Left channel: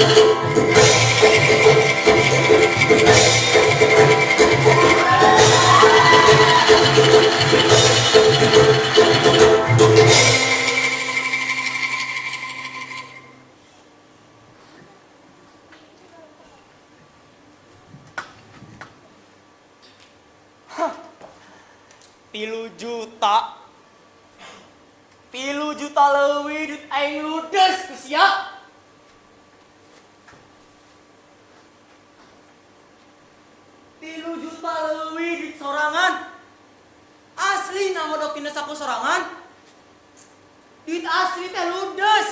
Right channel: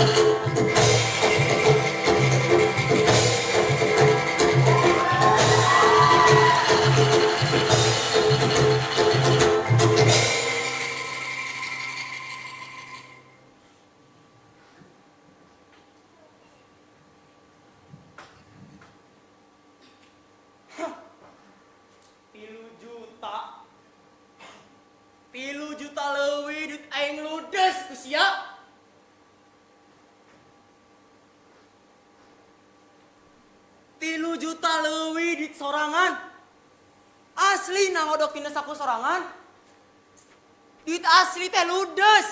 3 juta leuwih dit aing ludes ku sia. 3 juta leuwih dit sorangan. Asli nangodokina saku sorangan. Duit asli teh ludes.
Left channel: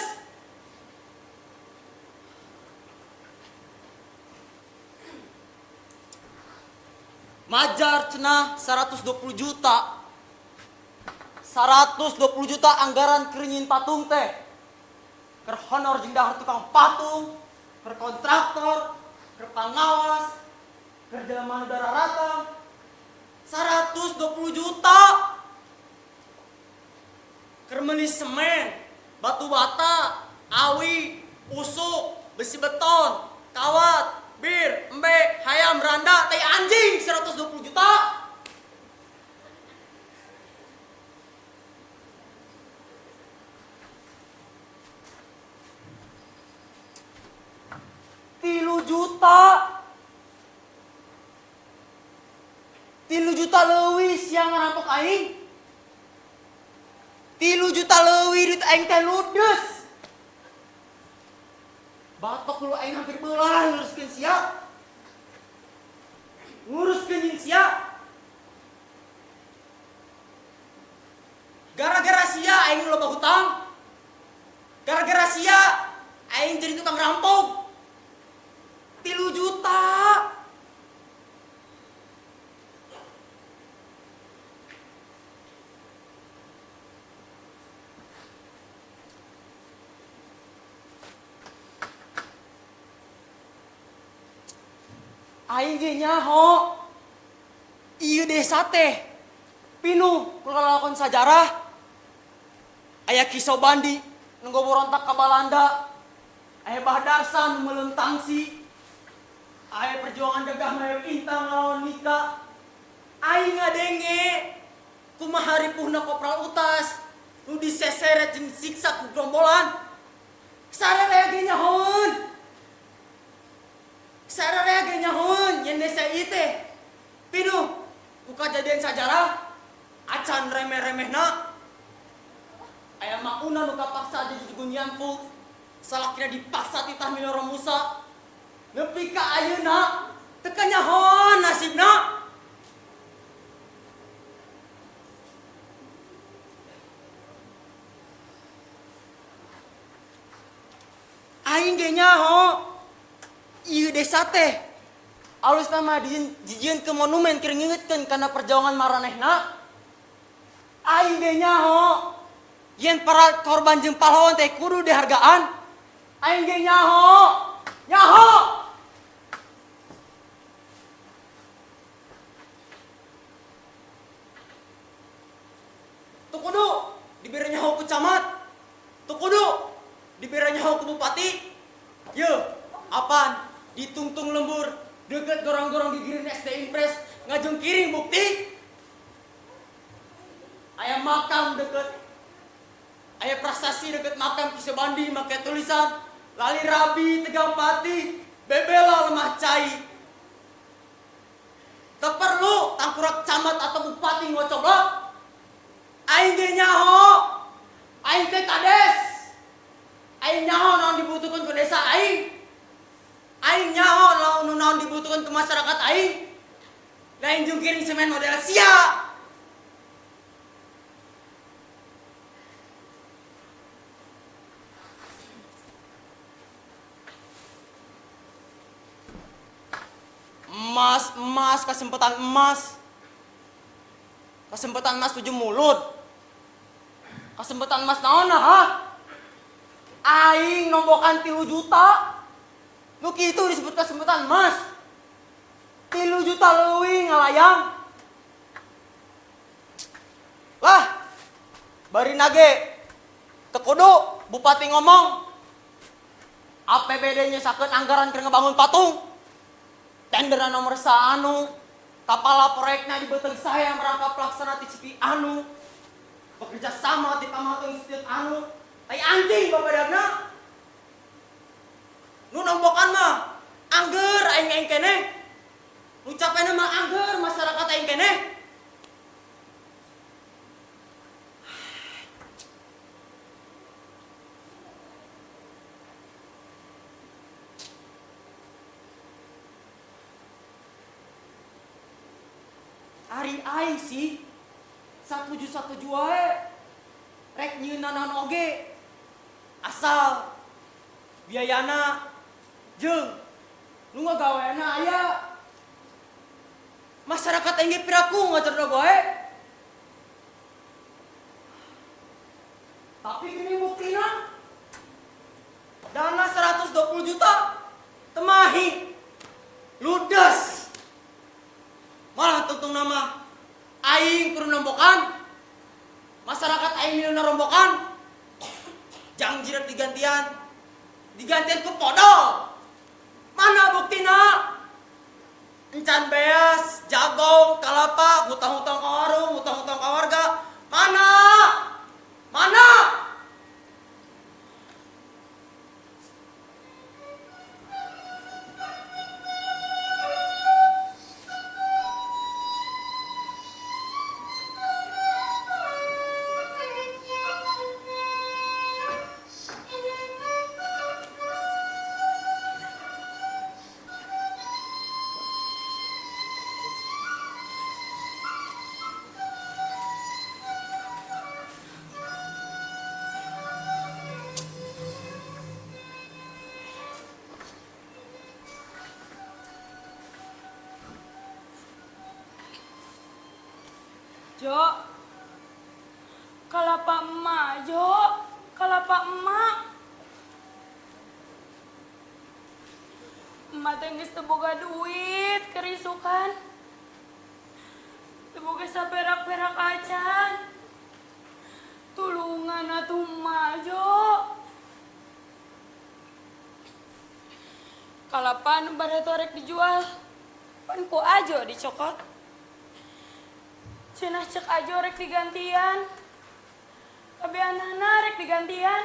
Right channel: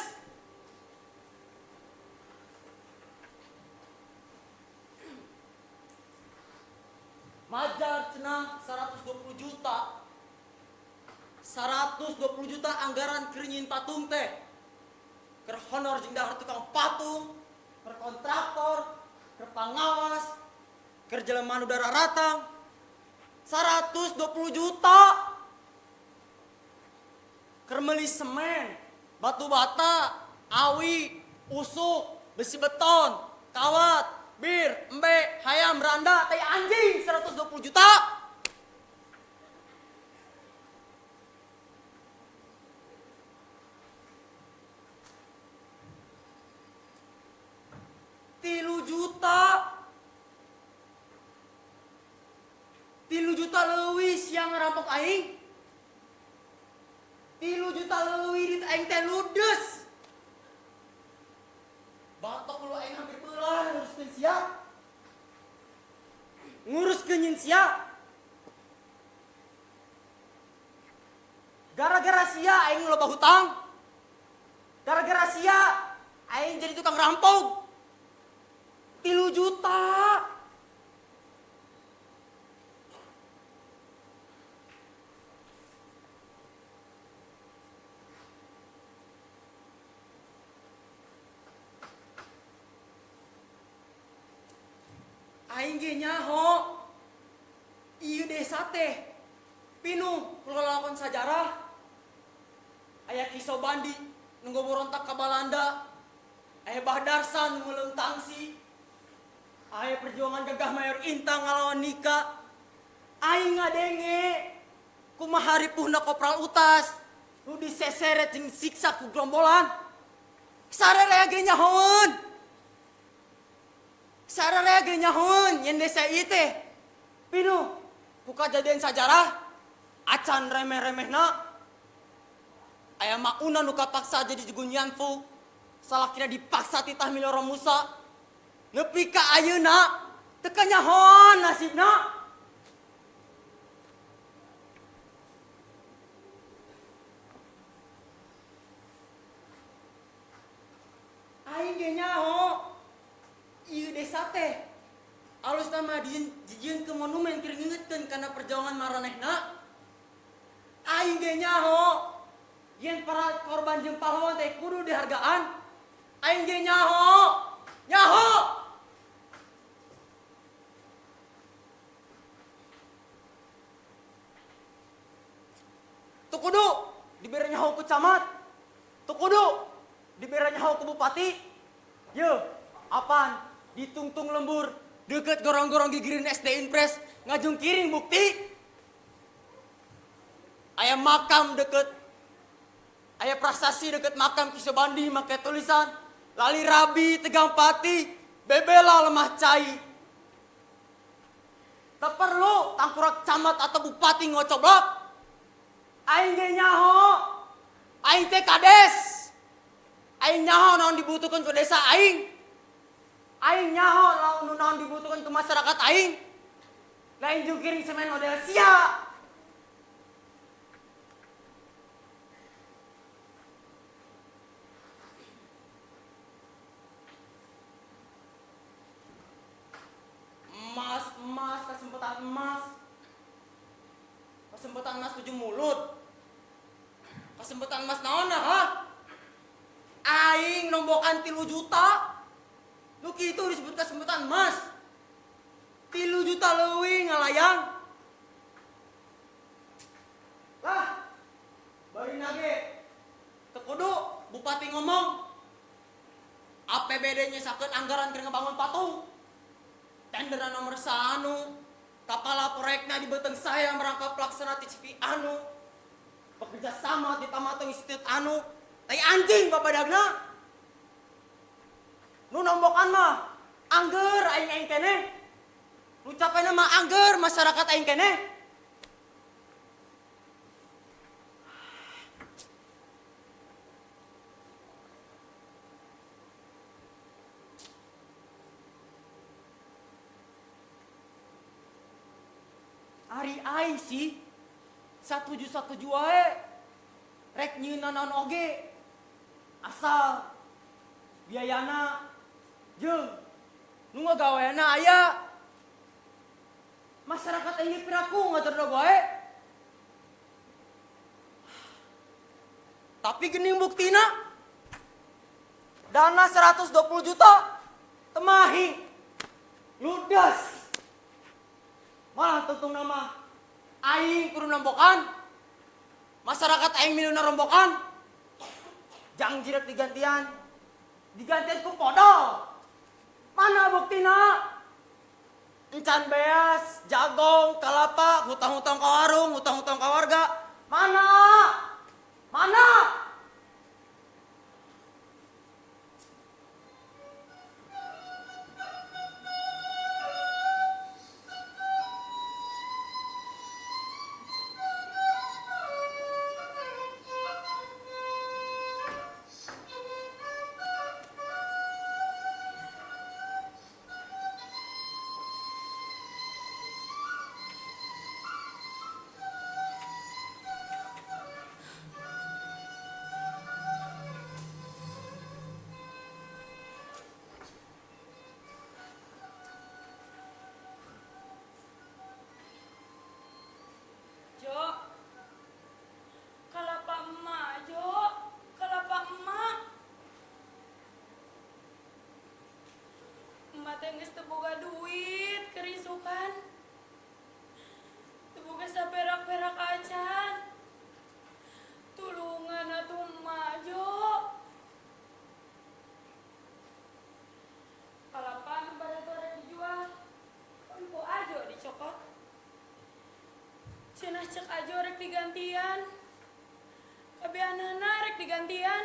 Majar cenah 120 juta. 120 juta anggaran keringin patung teh. Keur honor jeung dahar tukang patung, keur kontraktor, keur pangawas, keur jelema nu dara ratang. 120 juta. Keur meuli semen, batu bata, awi, usuk, besi beton, kawat, bir, embe, hayam, randa, tai anjing 120 juta. Tilu juta leuwih siang ngarampok aing. 3 juta leuwih dit aing teh ludes. Batok lu aing hampir beulah nguruskeun sia. Nguruskeun jeung sia. Gara-gara sia aing loba hutang. Gara-gara sia aing jadi tukang rampok. 3 juta. Aing ge nyaho. Ieu desa teh pinuh ku lalakon sajarah. Aya Kisau Bandi nu berontak ka Balanda. Aya Bahdarsan nu meuleung tangsi. Aya perjuangan Gagah Mayor Intang ngalawan Nika. Aing ngadenge kumaha ripuhna Kopral Utas nu diseseret jeung siksa ku gerombolan. Sararea ge nyahoon. Sararea ge nyahoon yen desa ieu teh pinuh ku kajadian sajarah acan remeh-remehna. Aya makuna nu kapaksa jadi jugunyanpu salakina dipaksa titah Miloro Musa. Nepi ka ayeuna teu kanyahoon nasibna. Aing ge nyaho ieu desa teh alusna mah dijieun ke monumen keur ngingetkeun kana perjuangan maranehna. Aing ge nyaho yen para korban jeung pahlawan teh kudu dihargaan. Aing ge nyaho. Tu kudu dibere nyaho ku camat. Tu kudu dibere nyaho ku bupati. Yeuh, apaan? Ditungtung lembur deket gorong-gorong gigirin SD Impres ngajung kiring bukti. Aya makam deket, aya prasasti deket makam Kisau Bandi make tulisan Lali Rabi Tegang Pati Bebela Lemah Cai. Teu perlu tangkurak camat atau bupati ngocoblok. Aing ge nyaho, aing teh kades. Aing nyaho naon dibutuhkeun ku desa aing. Aing nyaho naon dibutuhkeun ke masyarakat aing. Lain jeung kiring semen model sia. Emas, kesempatan emas. Kesempatan emas 7 mulut. Kesempatan emas naon ha? Aing nombokan 3 juta. Nu kitu disebut kesempatan emas. 3 juta leuwih ngalayang. Lah, bari nage teu kudu bupati ngomong. APBD-nya sakit anggaran keur ngebangun patung. Tenderan nomor anu, kepala proyeknya di beteng saya merangkap pelaksana TCP anu. Bekerja sama di Pamatung Institut anu. Ay anjing babadagna. Nu nombokan mah angger aing keneh. Ngucapena mah angger masyarakat aing keneh. Hari aing sih satuju wae rek nyeunanan oge asal biayana jeung nu ngagaweana aya masyarakat engge piraku ngacerna bae. Tapi gini buktina dana 120 juta temahi ludes. Malah tuntung nama aing kudu nombokan. Masyarakat aing miluna rombokan. Jang jiret digantian ku podol. Mana buktina? Encan beas, jagong, kalapa, utang-utang ka warung, utang-utang ka warga. Mana? Mana? Jo, kalapa emak, Jo, kalapa emak. Emak teh geus teu boga duit, kerisukan. Teu boga saperak-perak acan. Tulungan atuh emak, Jo. Kalapa nu bareto rek dijual, pan ku ajo dicokot. Cenah cek ajo rek digantian. Kabeanana rek digantian.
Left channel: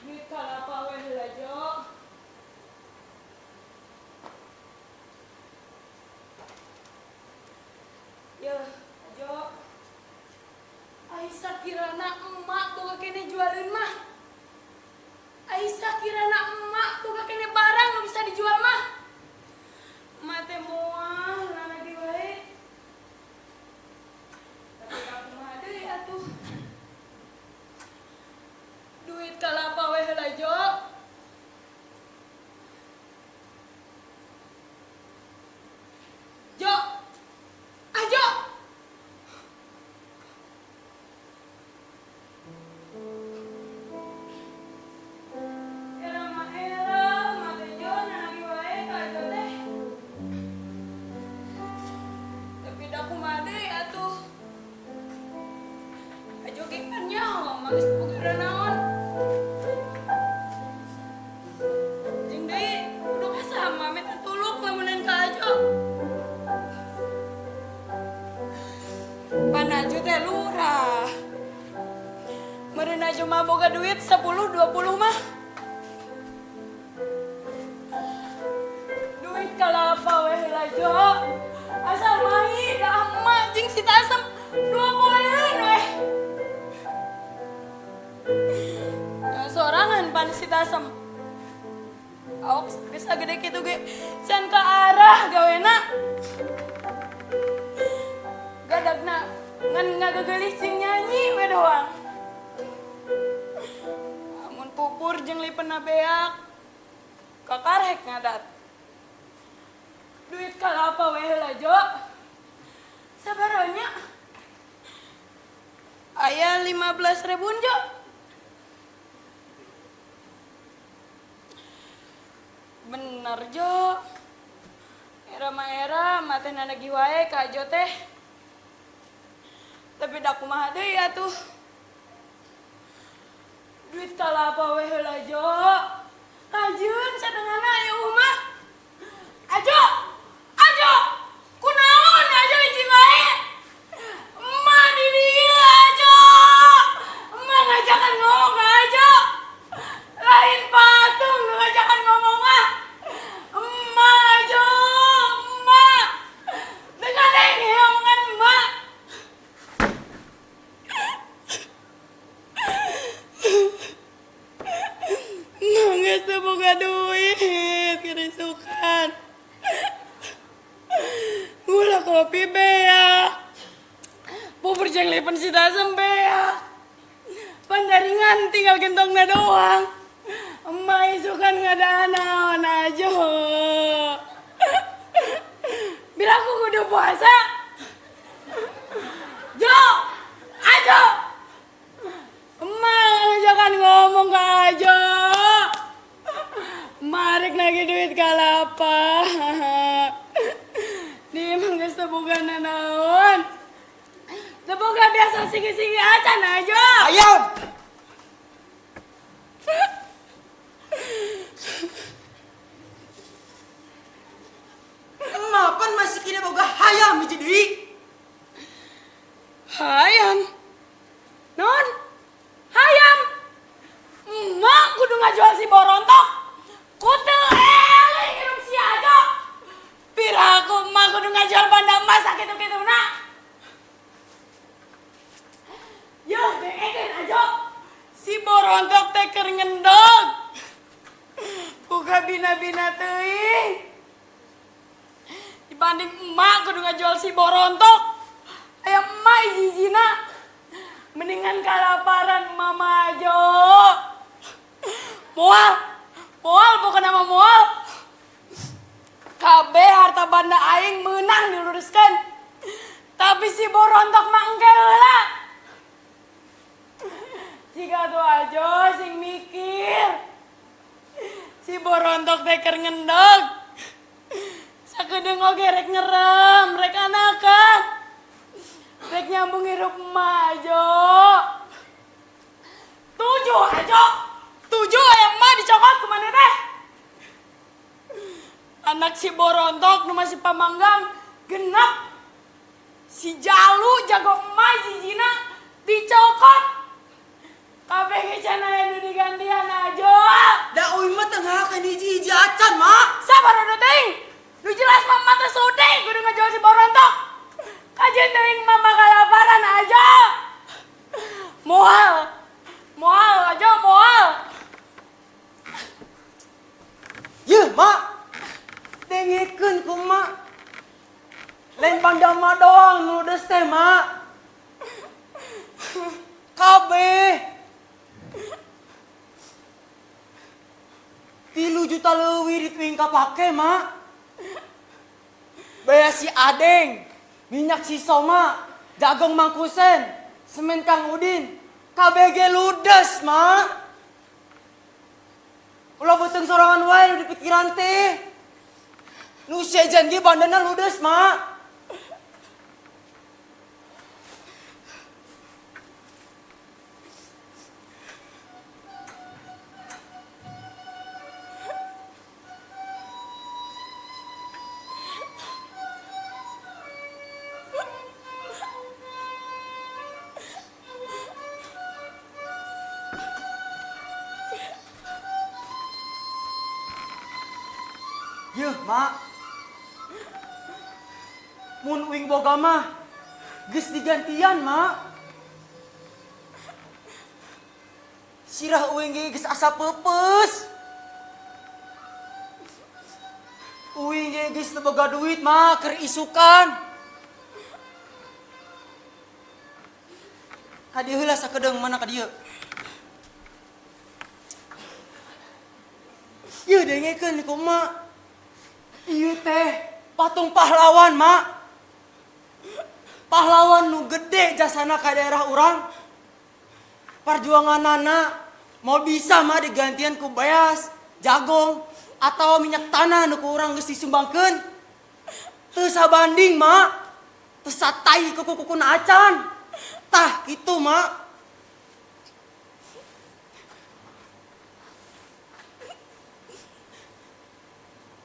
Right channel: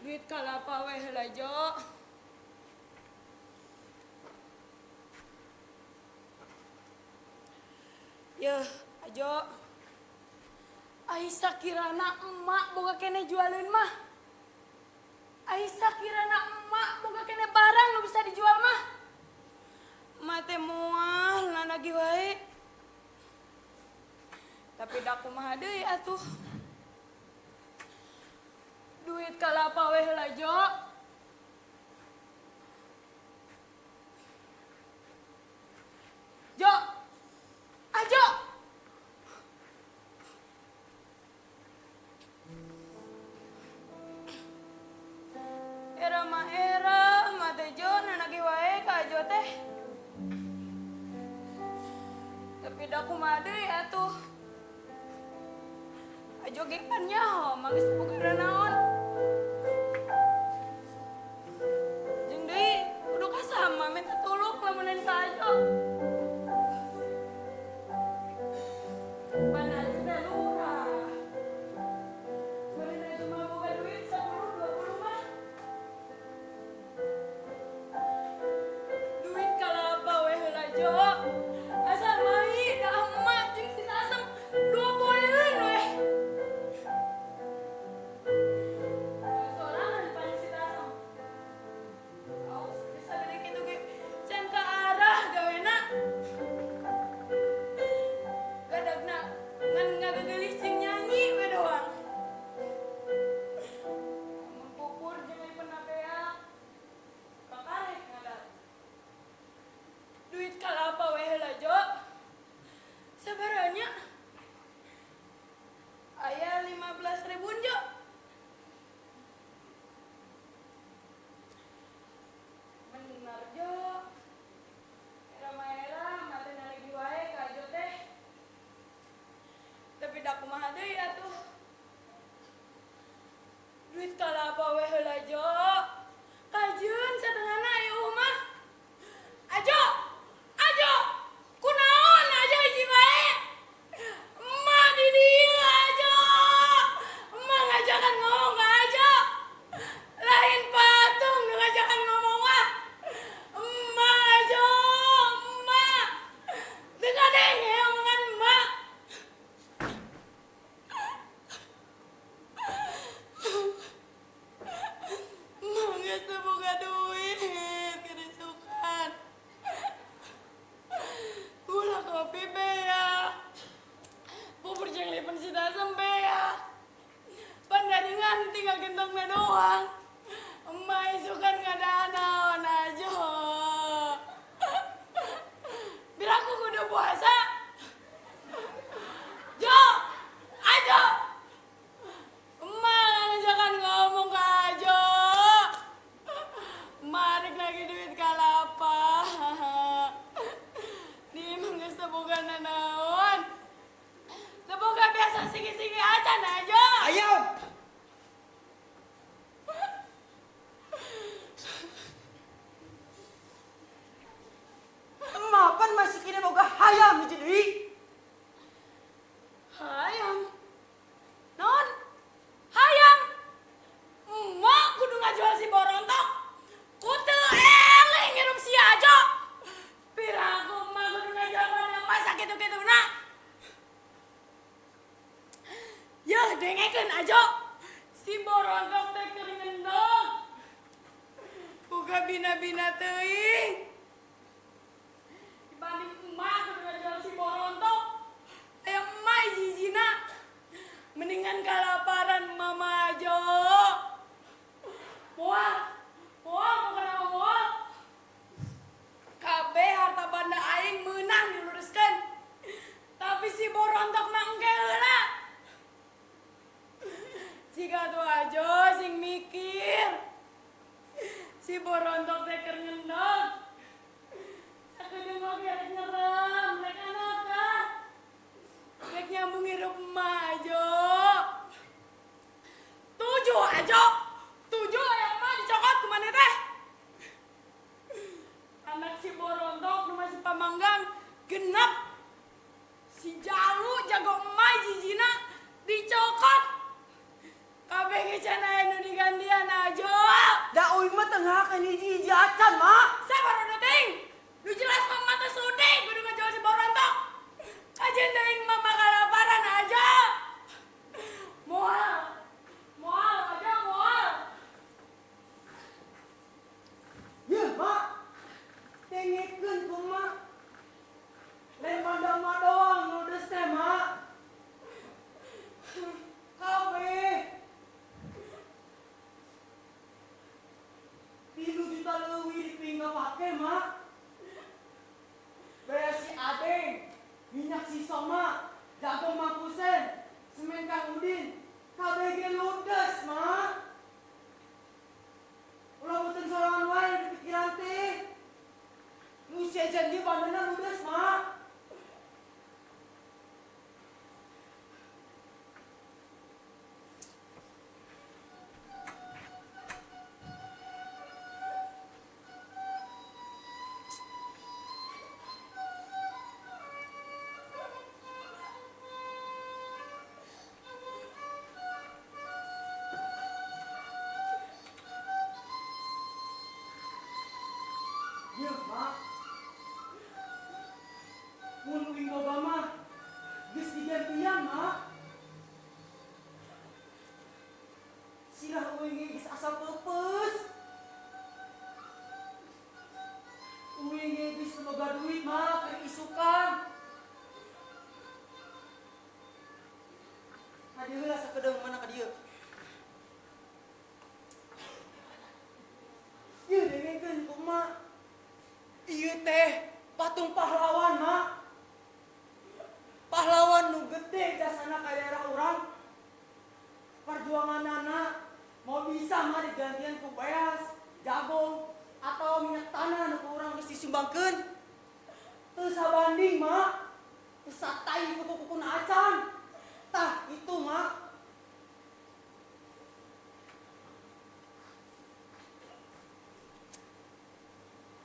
Duit kalapa we heula, Jo. Yeuh, ajo. Ai sakirana emak boga keneh jualin mah. Ai sakirana emak boga keneh barang nu bisa dijual mah. Emak teh moal nganagi wae. Tapi da kumaha deui atuh. Duit kalapa we heula, Jo. Jo. Ajo. Era mah teh Jo nanagi wae ka ajo teh. Tapi da kumaha deui atuh. Ajo ge kan nyaho mah geus boga naon. Jeung deui kudu kasama meta tuluk lamunan ka ajo. Pan ajo teh lurah. Meureun ajo mah boga duit 10-20 mah. Duit kalapa we heula, Jo. Asal mahi da emak jeung si Tasem 2 poean we. Sorangan pan si Tasem. Aok geus sagede kitu ge can ka arah gawena. Gadagna ngan ngageulis jeung nyanyi we doang. Amun pupur jeung lipeuna beak kakarek ngadat. Duit kalapa we heula, Jo. Sabaronya? Aya 15.000, Jo. Bener, Jo. Era mah teh nanagi wae ka ajo teh. Tapi dak kumaha deui atuh. Duit kalapa we heula Jo. Rajin sadengana ieu mah. Ajo. Ajo. Kunaon ajo hiji wae? Emak di dieu ajo. Emak ngajakan ngomong ka ajo. Lain patung ngajakan ngomong mah. Emak ajo. Emak. Dengan yang ngomongan emak. Nangis teh boga duit, kerisukan. Gula kopi bea. Bubur jeng lipen si tasem bea. Pandaringan tinggal gentongna doang. Emak isukan ngadanaon aja. Bilang aku kudu puasa. Jo, ajo. Emak ngajakan ngomong ke ajo. Marek lagi duit kalapa. Dia emang geus teu boga nanaon. Teu boga biasa sigi-sigi acan aja. Ayam. Emak pan masih kini boga hayam hiji deui. Hayam. Non. Hayam. Emak kudu ngajual si borontok. Kudu eling nginum si ajo. Piraku emak kudu ngajual banda emas sakitu-kituna. Yo dengekin ajo. Si borontok teh keur ngendog. Buka bina-bina teuing. Dibanding emak kudu ngajual si borontok. Aya emak hiji-hijina. Mendingan kalaparan mama ajo. Moal bukan nama moal. Kabeh harta banda aing menang diluruskan. Tapi si borontok mah engke heula. Jika tuh ajo sing mikir. Si borontok teh keur ngendog. Sakedeung oge rek ngerem, rek anakan. Rek nyambung hirup emak ajo. Tujuh ajo. 7 aya emak dicokot kemana teh? Anak si borontok nu masih pamanggang genep. Si jalu jago emak jijina dicokot. Kabeh ge cenah nu digantian ajo. Da uing mah tengah ka di hiji acan, Mak. Sabar anu teuing. Nu jelas mama teh sudi kudu ngajual si borontok. Kajen teuing mama kalaparan aja. Moal aja moal. Yeuh, Mak. Dengekeun ku Mak. Lain pandama doang nu ludes teh, Mak. Kabeh 3 juta leuwih dituing kapake, Mak. Baya si Adeng, minyak si Soma, jagung Mangkusen, semen Kang Udin, kabeh ge ludes, Mak. Ulah beuteung sorangan wae nu di pikiran teh. Nu sejen ge bandana ludes, Mak. Yeuh, Mak. Mun uing boga mah geus digantian, Mak. Sirah uing ge geus asa peupeus. Uing ge geus teu boga duit, Mak, keur isukan. Ka dieu heula sakedeung mana ka dieu. Yeuh dengekeun ku Mak. Ieu teh patung pahlawan, Mak. Pahlawan nu gede jasana ka daerah urang. Perjuanganana mau bisa mah digantian ku beas, jagung, atau minyak tanah nu ku urang geus disumbangkeun. Teu sabanding, Mak. Teu satai ku kukuna acan. Tah gitu mak.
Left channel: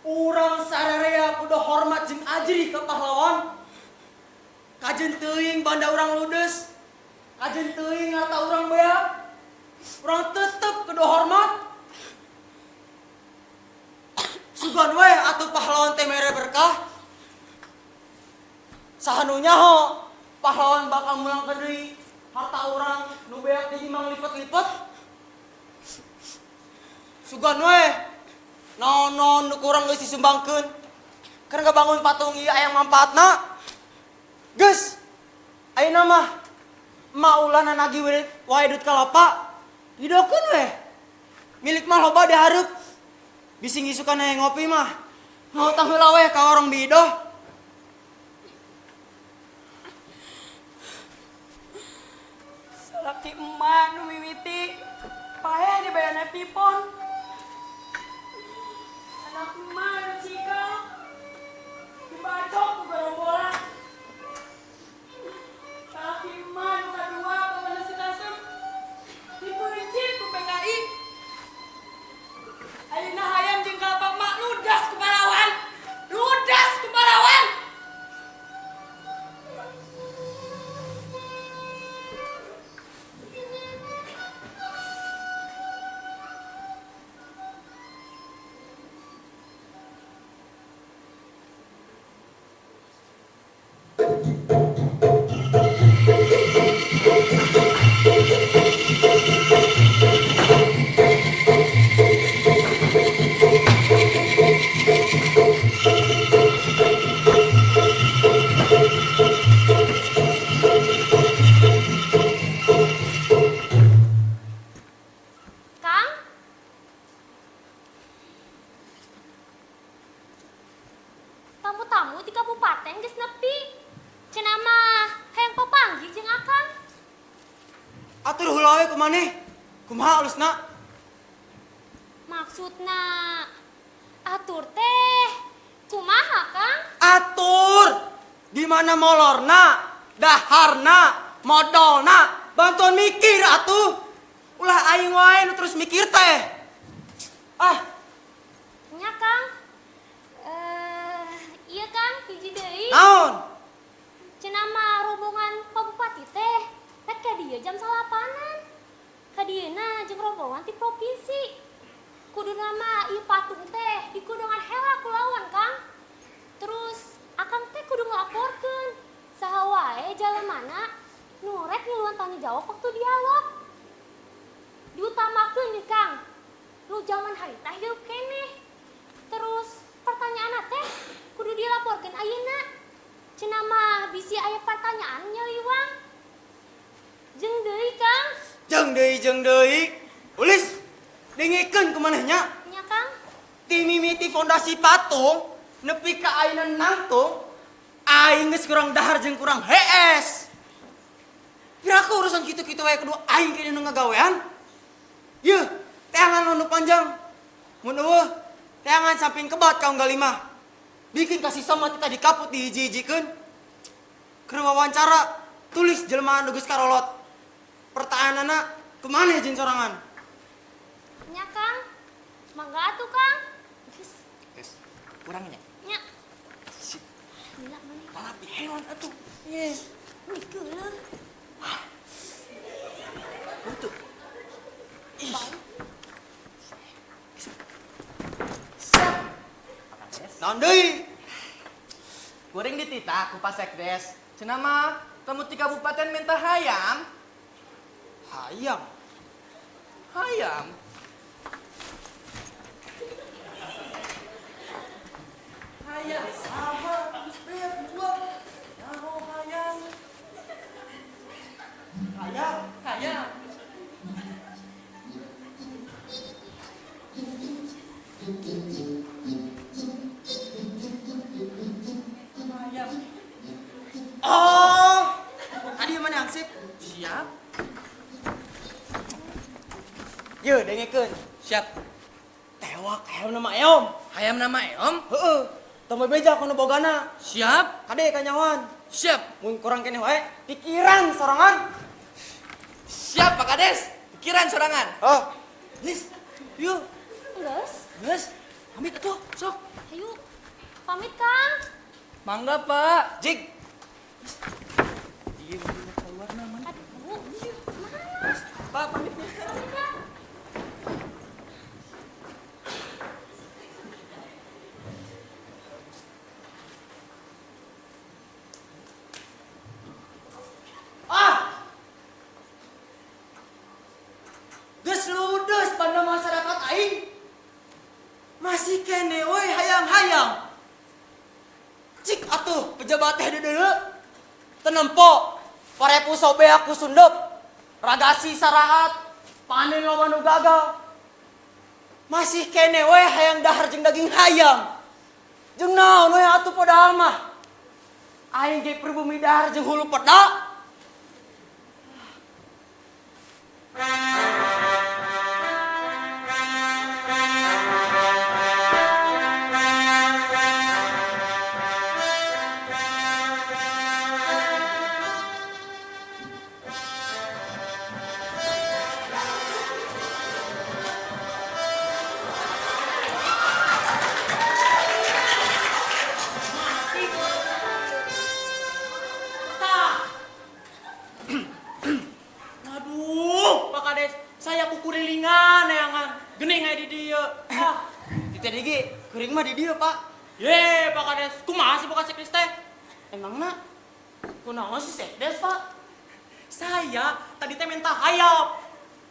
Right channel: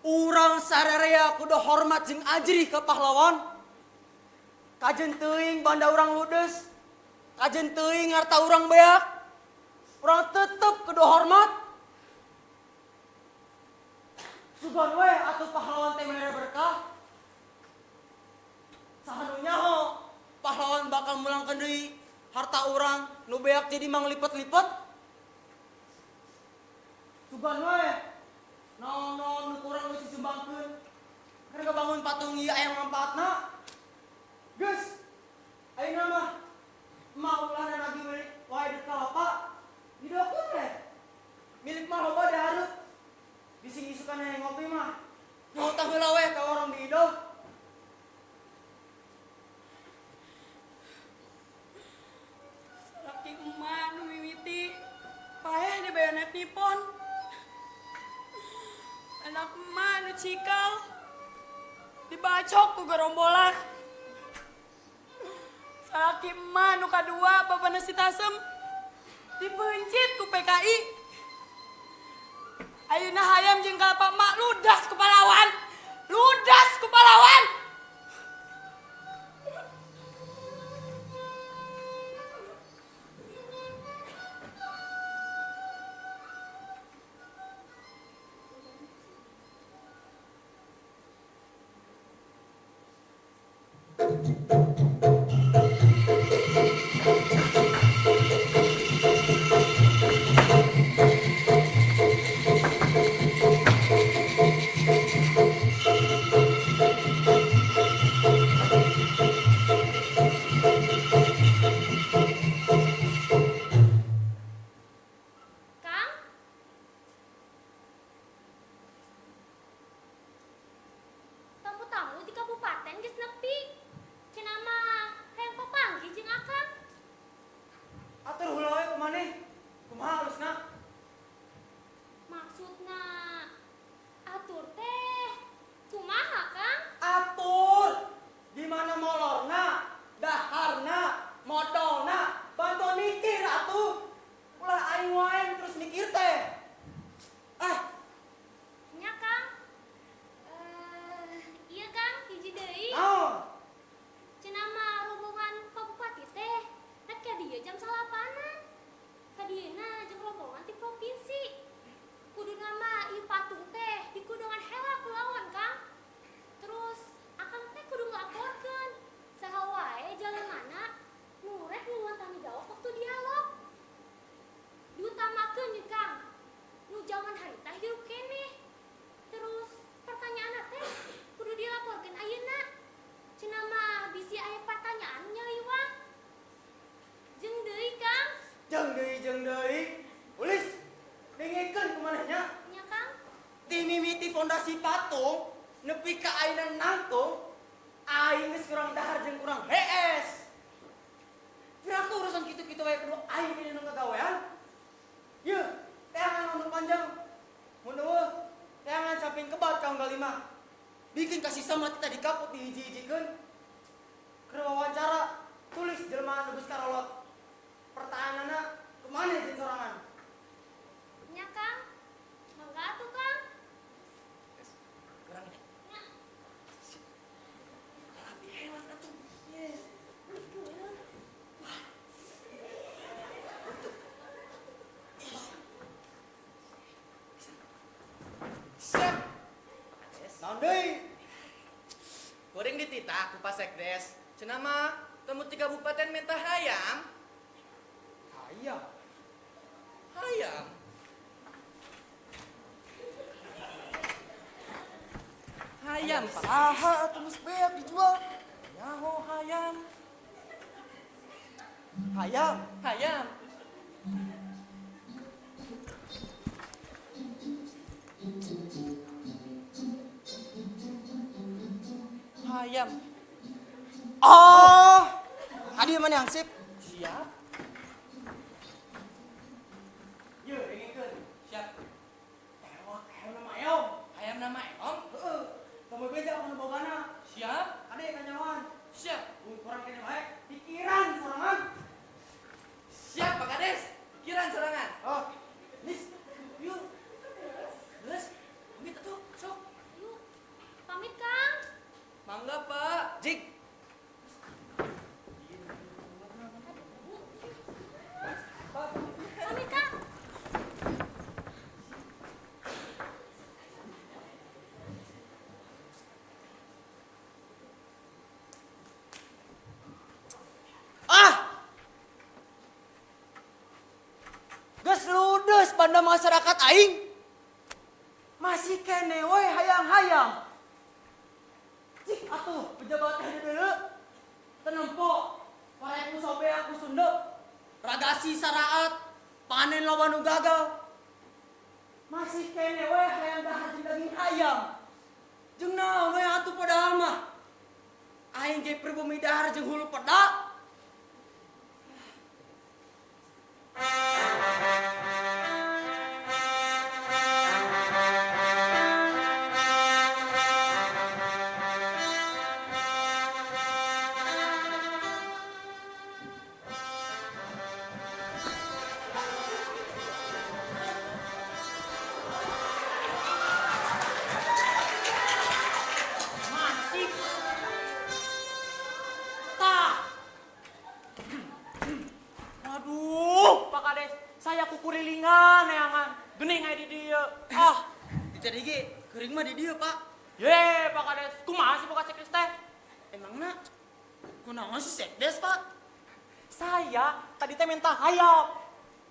Urang sararea kudu hormat jeung ajri ke pahlawan. Kajen teuing banda urang ludes. Kajen teuing harta urang beak. Urang tetep kudu hormat. Sugan we atuh pahlawan teh mere berkah. Sahanunya ho pahlawan bakal ngulangkeun deui harta urang nu beak jadi manglipet-lipet. Sugan we naon-naon nu kurang geus disumbangkeun. Keur ngabangun patung ieu aya manfaatna. Geus ayeuna mah maulana nagih wae duit kalapa. Hidokeun we. Milik mah loba dihareup. Bisi ngisukan aya ngopi mah. Ngautang heula we ka warung bidoh. Salaki emak nu mimiti. Payah di bayana pipon. Anak emak nu cikal. Dibacok ku gerombolan. Salaki emak nu kadua babana si Tasem. Dibeujit ku PKI. Ayeuna hayam jeung kalpa emak ludas ku pahlawan. Ludas ku pahlawan. Kang? Tamu-tamu di kabupaten geus nepi. Cenah mah hayang papanggih jeung akang. Atur heula we kumaneh. Kumaha alusna? Maksudna atur teh kumaha, Kang? Atur di mana molorna, daharna, modalna, bantuan mikir atuh. Ulah aing wae nu terus mikir teh. Ah, Nya, Kang. Iya, Kang, hiji deui. naon? Cenah mah rombongan Pak Bupati teh rek ka dieu jam 8-an. Ka dieuna jeung rombongan ti provinsi. Kuduna mah ieu patung teh dikudungan heula ku lawan, Kang. Terus akang teh kudu nglaporkeun saha wae jalemana nu rek ngiluan tanggung jawab waktu dialog. Diutamakeun nih, Kang. Nu zaman harita hidup keneh. Terus pertanyaan teh kudu dilaporkeun ayeuna. Cenah mah bisi aya pertanyaan nyeliwang. Jeung deui, Kang. Jeung deui. Ulis dengikeun kumanehnya. Nya, Kang. Ti mimiti fondasi patung nepi ka ayeuna nangtung. Aing geus kurang dahar jeung kurang hees. Piraku urusan kitu-kitu wae kudu aing kene nu ngagawean. Yeuh, teangan nu panjang. Mun eueuh, teangan samping kebat kaum galimah. Bikin kasih sama kita dikaput dihiji-hijikeun. Keur wawancara, tulis jelema nu geus karolot. Pertanyaanna kumaneh jeung sorangan? Nya, Kang. Mangga atuh, Kang. Geus. Geus, kurangnya. Nya. Sip, Gila mah. malapi hewan atuh. Yes. Mikeuleun. Betul. Naon deui? Kuring ditita ku Pasekdes. Cenah mah temu ti kabupaten minta hayam. Hayam. Hayam. Hayam saha tulis beak dijual. Nyaho hayam. Hayam. Hayam. Hayam. Oh, adi mana ansip? Siap. Yeuh, dengikeun. Siap. Tewak hayam nama eom. Hayam nama Eom. Heeh. Teu beja kono bogana. Siap. Kade kanyawan. Siap. Mun kurang kene wae pikiran sorangan. Siap Pak Kades. Pikiran sorangan. Oh, Lis, yuk. Geus, Gus, pamit atuh, sok. ayo. Pamit, Kang. Mangga Pak. Jik. Iya, keluar nama. Aduh, mana? Pak pamit. Pamit, Kang. Ah! Geus ludes pada masyarakat aing. Masih kene we hayang-hayang. Cik atuh pejabat teh di deuleu. Tenempo parepu sobe aku sundep. Ragasi saraat, panen lawan nu gagal. Masih kene we hayang dahar jeung daging hayam. Jeung naon we atuh padahal mah. Aing ge pribumi dahar jeung hulu peda. Waduh, Pak Kades, saya kukurilingan ya kan. Gening aya di dieu. Ah, di teh ge keuring mah di dieu, Pak. Ye, Pak Kades, kumaha sih Pak Sekdes teh? Emangna kunaon si Sekdes, Pak? Saya tadi teh minta hayam.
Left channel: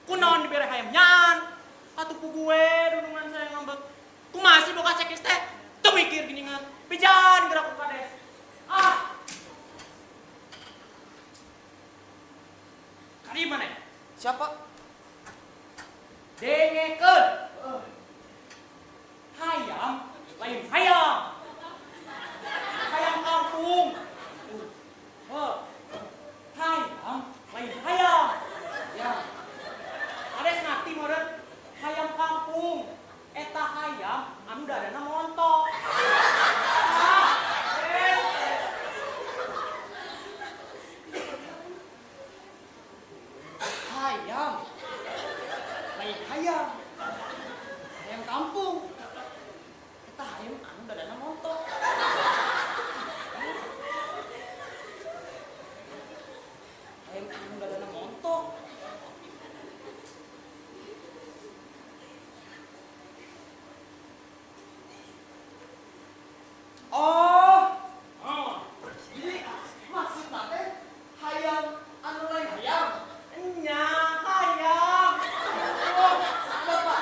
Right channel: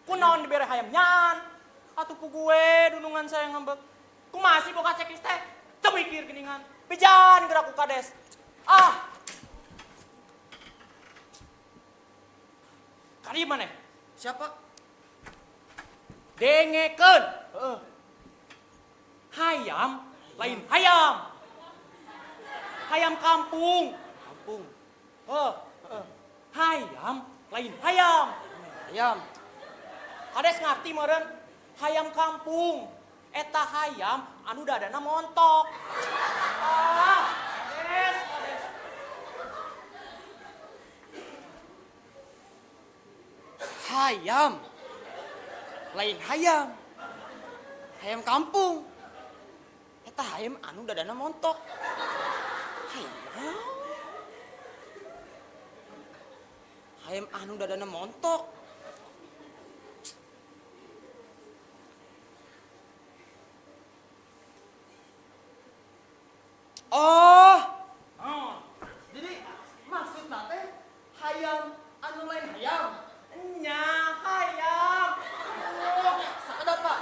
Kunaon dibere hayam nyan? Atuh pugue dudungan saya ngambek. Kumaha sih Pak Sekdes teh? Tuh mikir geningan. Pijan gerak ku Kades. Ah, kali mana? Siapa? Dengekeun. Hayam lain hayam. Hayam kampung. Hayam lain hayam. Hayam. Kades ngarti meureun? Hayam kampung. Eta hayam anu dadana montok. Hayam lain hayam. Hayam kampung. Eta hayam anu dadana montok. Hayam anu dadana montok. Oh. Jadi maksudna teh hayam anu lain hayam. Nya hayam. Oh, sada Pak.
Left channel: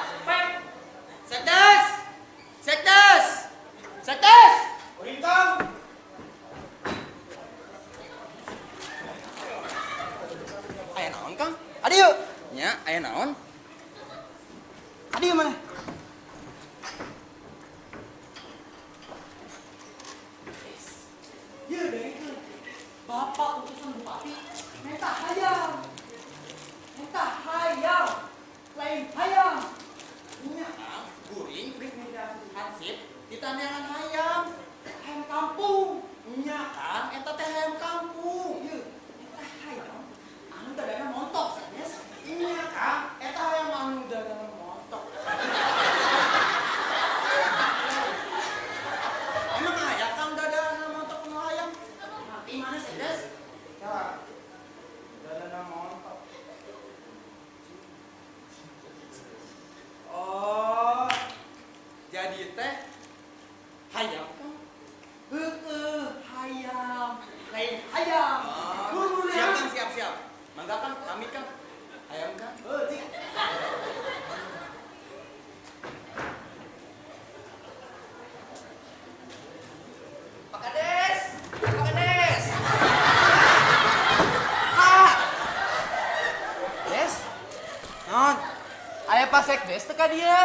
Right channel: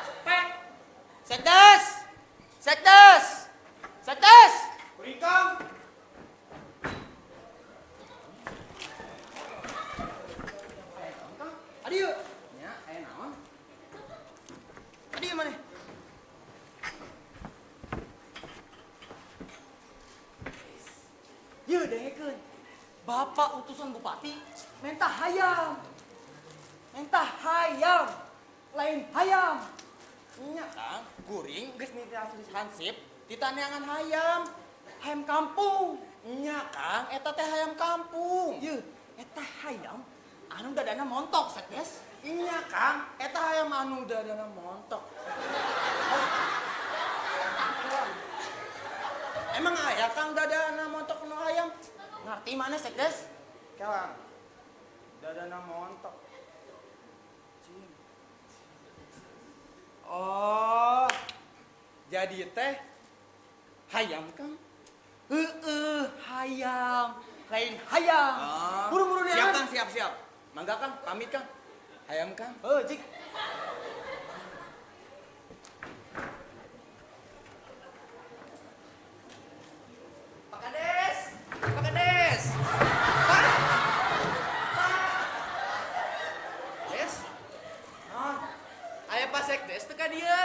Sekdes. Sekdes. Sekdes. Kuring Kang. Aya naon Kang? Adi yuk. Nya, aya naon? Adi mana? Iya deh itu. Bapak utusan bupati minta hayam. Minta hayam. Lain hayam. Nya Kang, kuring geus minta hansip ditanyakan hayam. Hayam kampung. Nya Kang, eta teh hayam kampung. Ieu, eta hayam anu dadana montok Sekdes. Nya Kang, eta hayam anu dadana montok. Emang aya Kang dadana montok nu hayam? Ngerti mana Sekdes? Kang, dadana montok. Oh, jadi teh hayam Kang? Hayam. Lain hayam. Buru-buru deh. Siap Kang, siap. Mangga Kang, pamit Kang. Hayam Kang. Cik. Pak Kades. Pak Kades. Pak. Yes. Non. Aya Pak Sekdes teh ka dieu.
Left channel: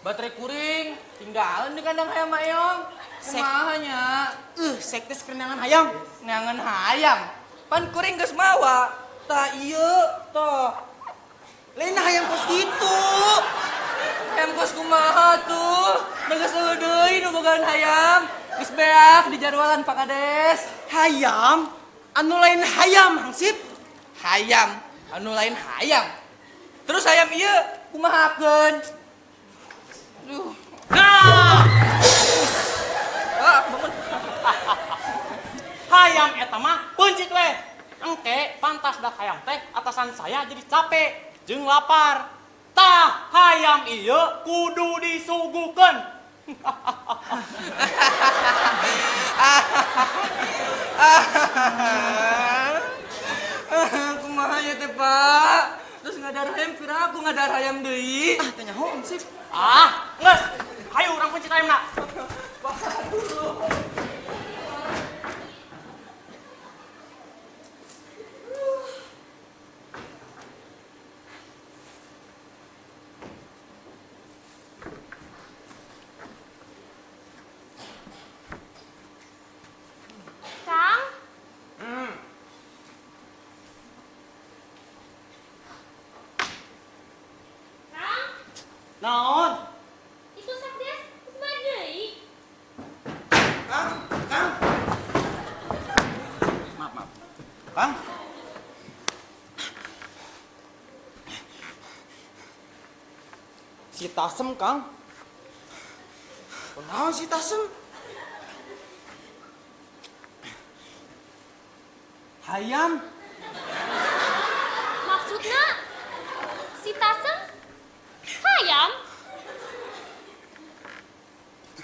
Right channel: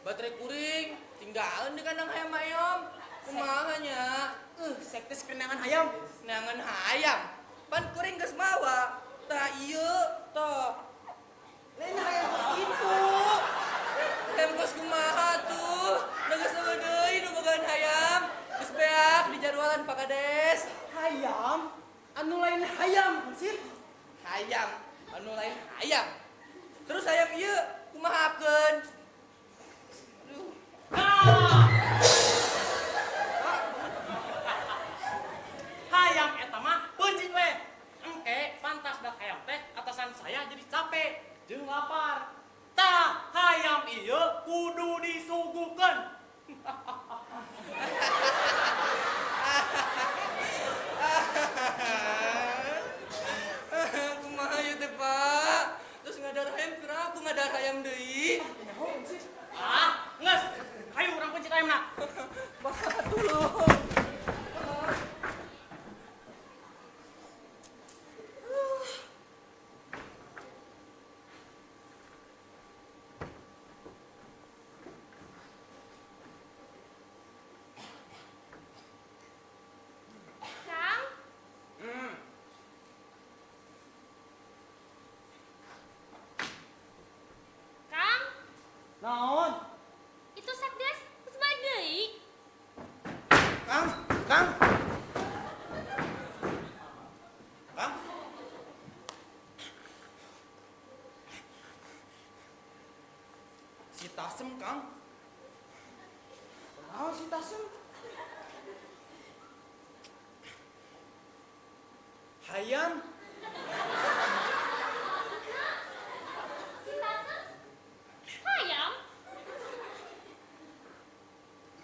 Baterai kuring tinggalin di kandang hayam ayam. Kumaha nya? Sekdes kerenangan hayam. Neangan hayam. Pan kuring geus mawa. Tah ieu tah. Lain hayam kos gitu. Hayam kos kumaha tuh? Da geus deui nu bogaan hayam. Geus Tos beak di jadwalan Pak Kades. Hayam, anu lain hayam hangsip. Hayam, anu lain hayam. Terus hayam ieu kumahakeun? Duh. Nah, Ah, bangun. hayam eta mah pencit we. Engke pantas dah hayam teh atasan saya jadi capek jeung lapar. Tah hayam ieu kudu disugukeun. Kumaha ieu teh, Pak? Terus ngadar hayam pira aku ngadar hayam deui. Ah, tanya ho hangsip. Ah, geus. Hayu urang pencit hayamna. Kang, Kang, Naon? itu sakdes geus balik deui. Kang, Kang. Maaf, maaf. Kang. Si Tasem, Kang. Kunaon si Tasem? Hayam, Maksudna si Tasem hayam.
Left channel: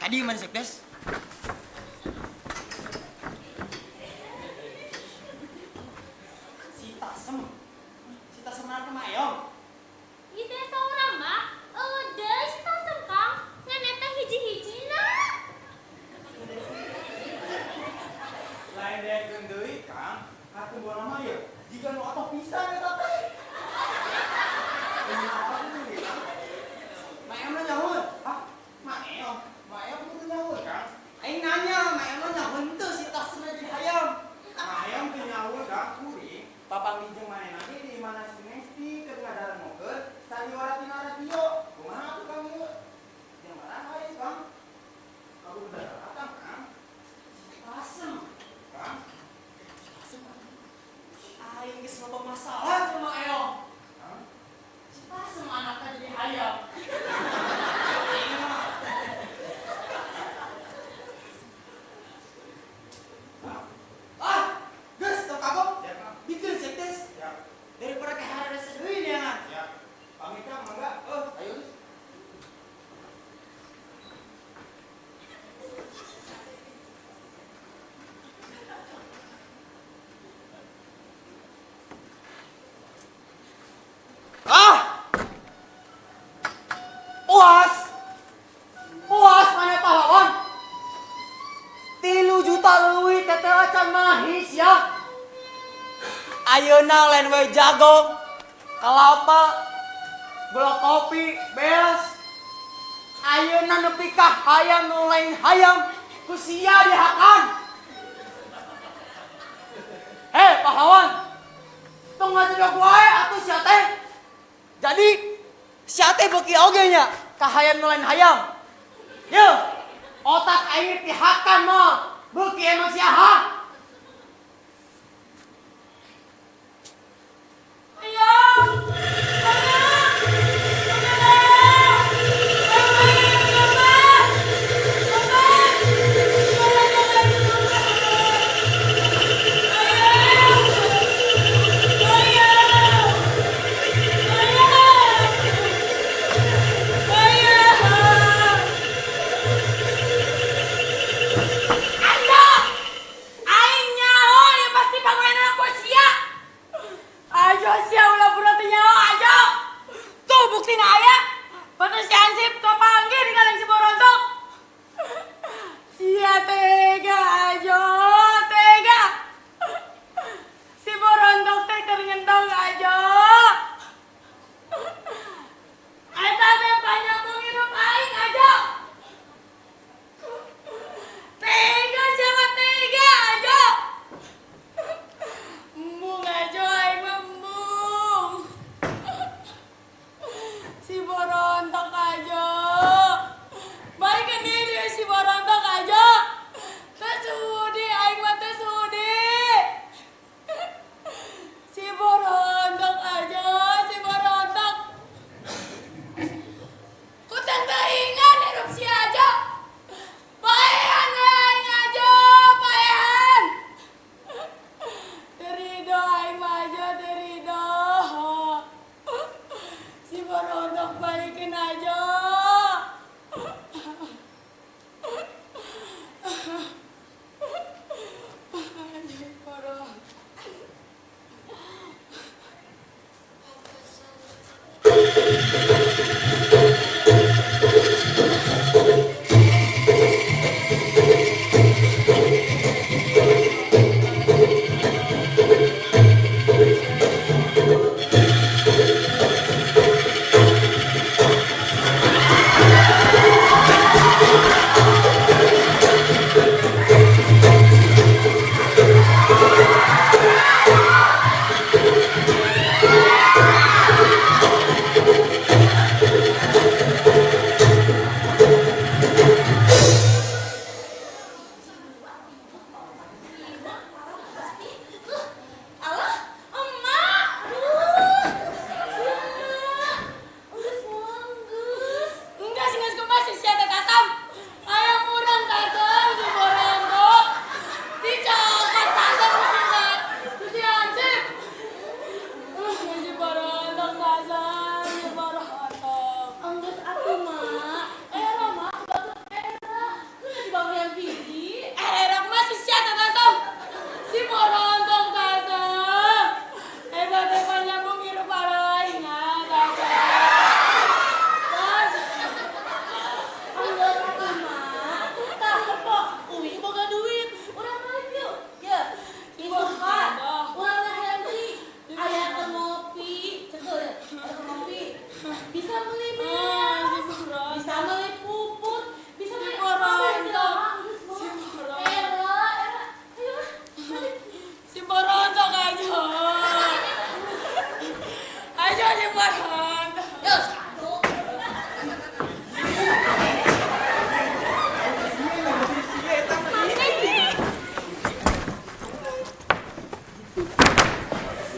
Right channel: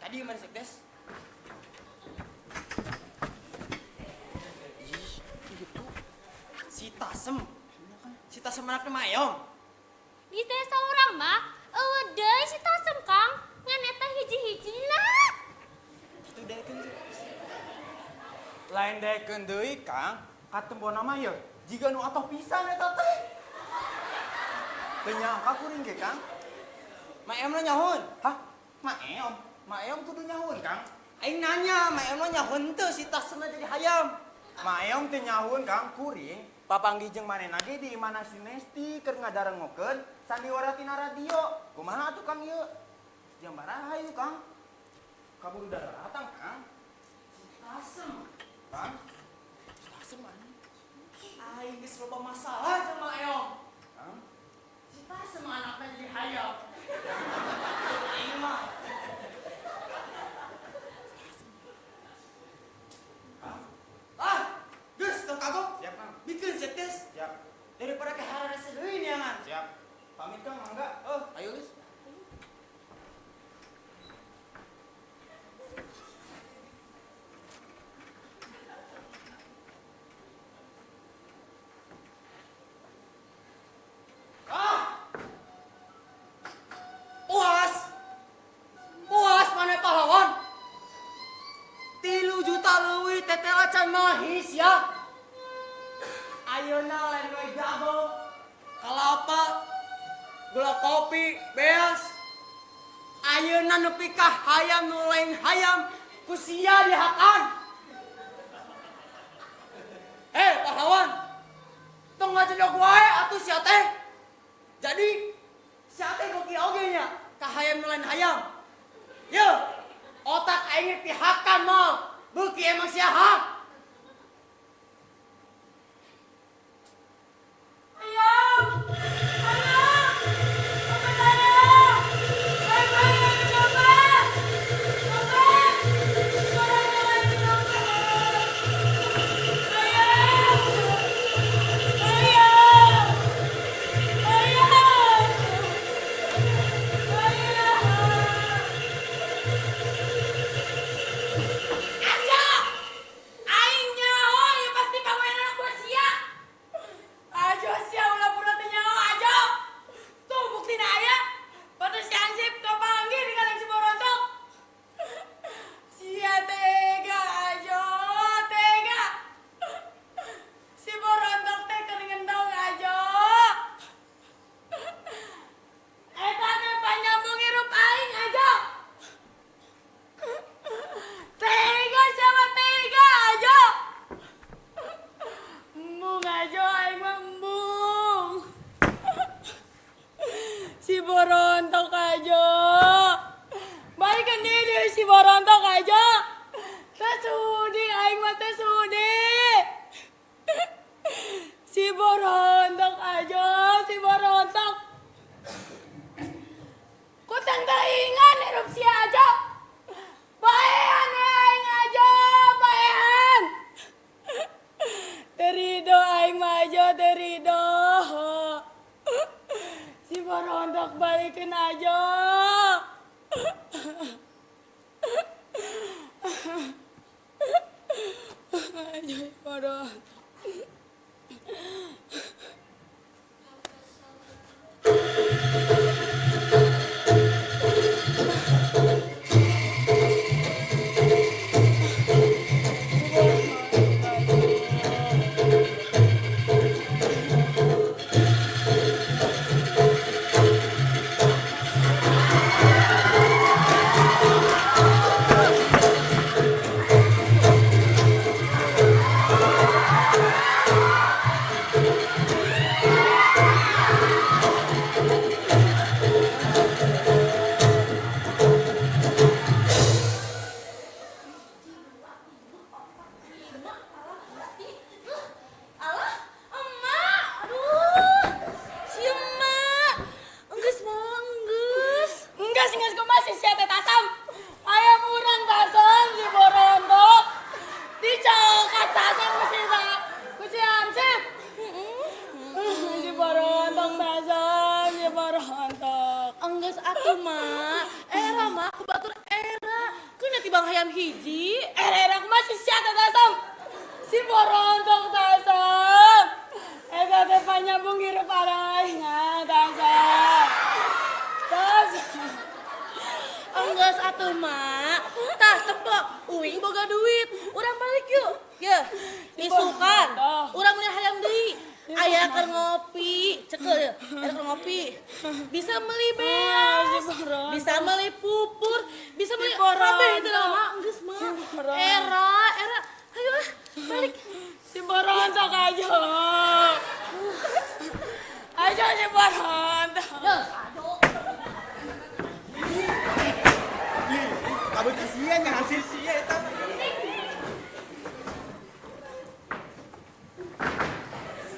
tadi mana sekdes? Si Tasem anak mayong. Di desa urang mah eueuh deui si Tasem Kang. Ngan eta hiji-hijina. Lain daekeun deui, Kang. Katembona mah yeuh. Jiga nu atoh pisan eta teh. Teu nyawakeun ge, Kang. Maem lo nyahun. Hah? Maeong. Maeong kudu nyaun, Kang. Aing nanya, maem lo nyahun teu si Tasem jadi hayam. Maeong teu nyaun, Kang. Kuring papanggih jeung manehna ge di mana si Nesti keur ngadarengokeun sariwara tina radio. Kumaha atuh Kang ieu? Jeung baraha hayu, Kang? Kabur datang, Kang. Tasem. Kang. Tasem aing geus loba masalah sama Eong. Kang. Si Tasem anaknya jadi hayam. Aing mah ah, geus teu kabok. Siap, Kang. Bikin sekdes Siap. daripada keharada sedeui dia. Siap. Pamit, Kang, mangga. Ayo. Ah! Puas! Puas mana pahlawan? 3 juta leuwih tetela can nangis ya. Ayeuna lain we jago, kalapa, gula kopi, beas. Ayeuna nepi ka hayam nu lain hayam, ku sia dihakan. Pahlawan, tong ngajadog wae atuh sia teh. Jadi, sia teh beuki oge nya ka hayam nu lain hayam. Yeuh, otak aing dihakan moal, beuki emang sia ha. Hayam! Hayam! Hayam! berontak balikin aja. Ayo berontak. Alah, emak. Aduh, si emak. Enggeus mau enggeus. Enggak sih, enggak masih siapa tasam. Ayam urang tasam si berontak. Dicokot tasam si hansip. Si berontak tasam, si berontak. Enggeus atuh mak. Era mak kebatur era. Keuna ti bang hayam hiji. Erak masih siapa tasam. Si berontak tasam. Hebat-hebat nyambung hirup arahnya tasam. Tasam. Enggeus atuh mak. Tah tepok. Uing boga duit. Urang balik yuk. Ye. Isukan. Urang beli hayam deui. Aya keur ngopi. Cekel ya. Aya keur ngopi. Bisa beli beas. Bisa beli pupur. Bisa beli kabeh teh mak. Geus mah. Era. Ayo ah, balik. Si berontak aja. Aja si berontak. Yo. Aduh kesian ya masih sia eta.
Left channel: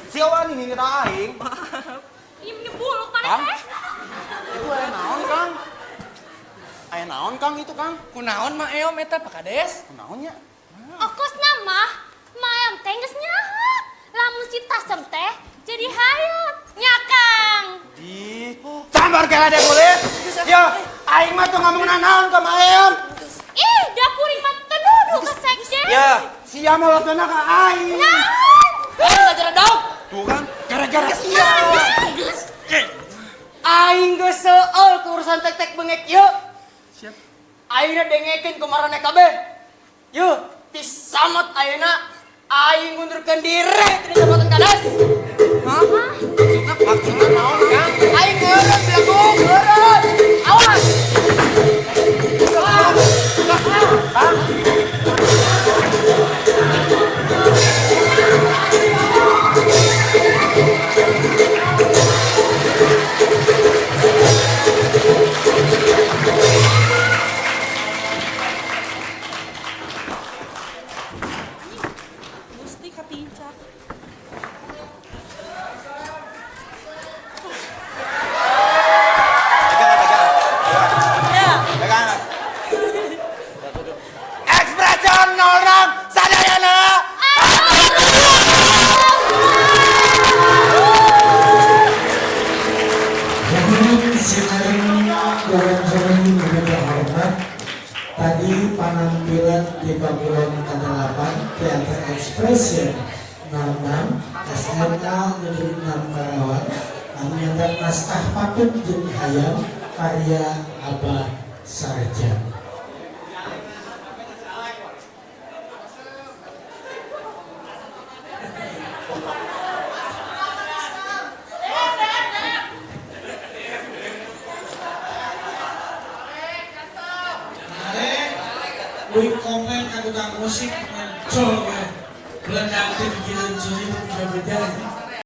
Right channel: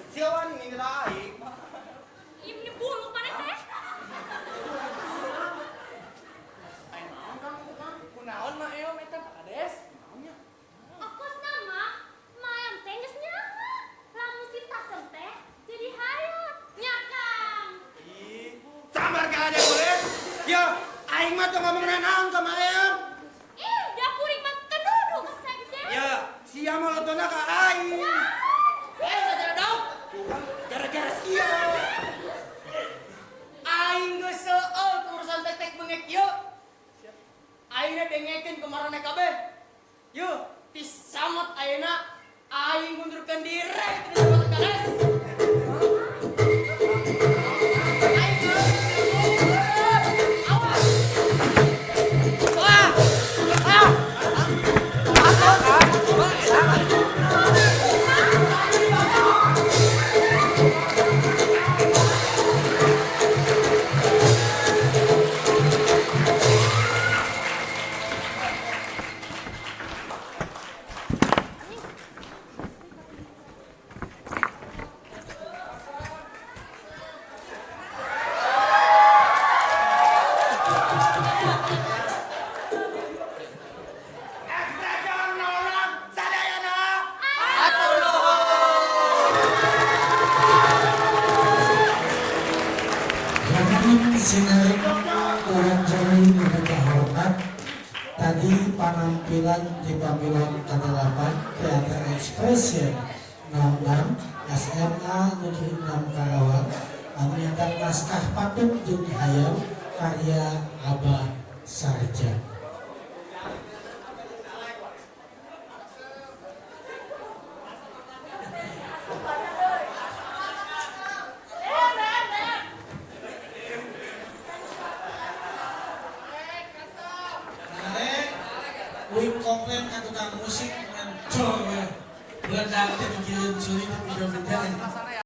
Siawan ini kita aing. Ieu nyebuluk mana Kang? teh? Itu aya naon, Kang? Aya naon, Kang itu, Kang? Kunaon mah eom eta Pak Kades? Naonnya? Okosna mah mayam teh geus nyahat. Lamun si tasem teh jadi hayat. Nya Kang. Di sambar kela deh boleh. Ya, aing mah tuh ngomong naon ka maeon. Ih, dapur imam kedudu ke sekjen. Ya, sia molotona ka aing. Gara-gara daun. Tuh kan, gara-gara sia. Aing geus seueul ku urusan tek-tek bengek ieu. Siap. Ayeuna dengekeun ku marane kabeh. Yeuh, ti samet ayeuna aing ngundurkeun diri ti jabatan Kades. Hah? Maksudna naon Kang? Aing ngeureun bilakung, ngeureun. Awas. Mesti ketincak. Ekspresion orang sadayana. Tadi penampilan di pavilion ke-8 Teater Expression 66 SMA Negeri 6 Karawang menyandang naskah Patut jeung Hayam karya Abah Sarjan. Wih komen kan tukang musik, cok ya. Belum nanti bikin cilik juga beda.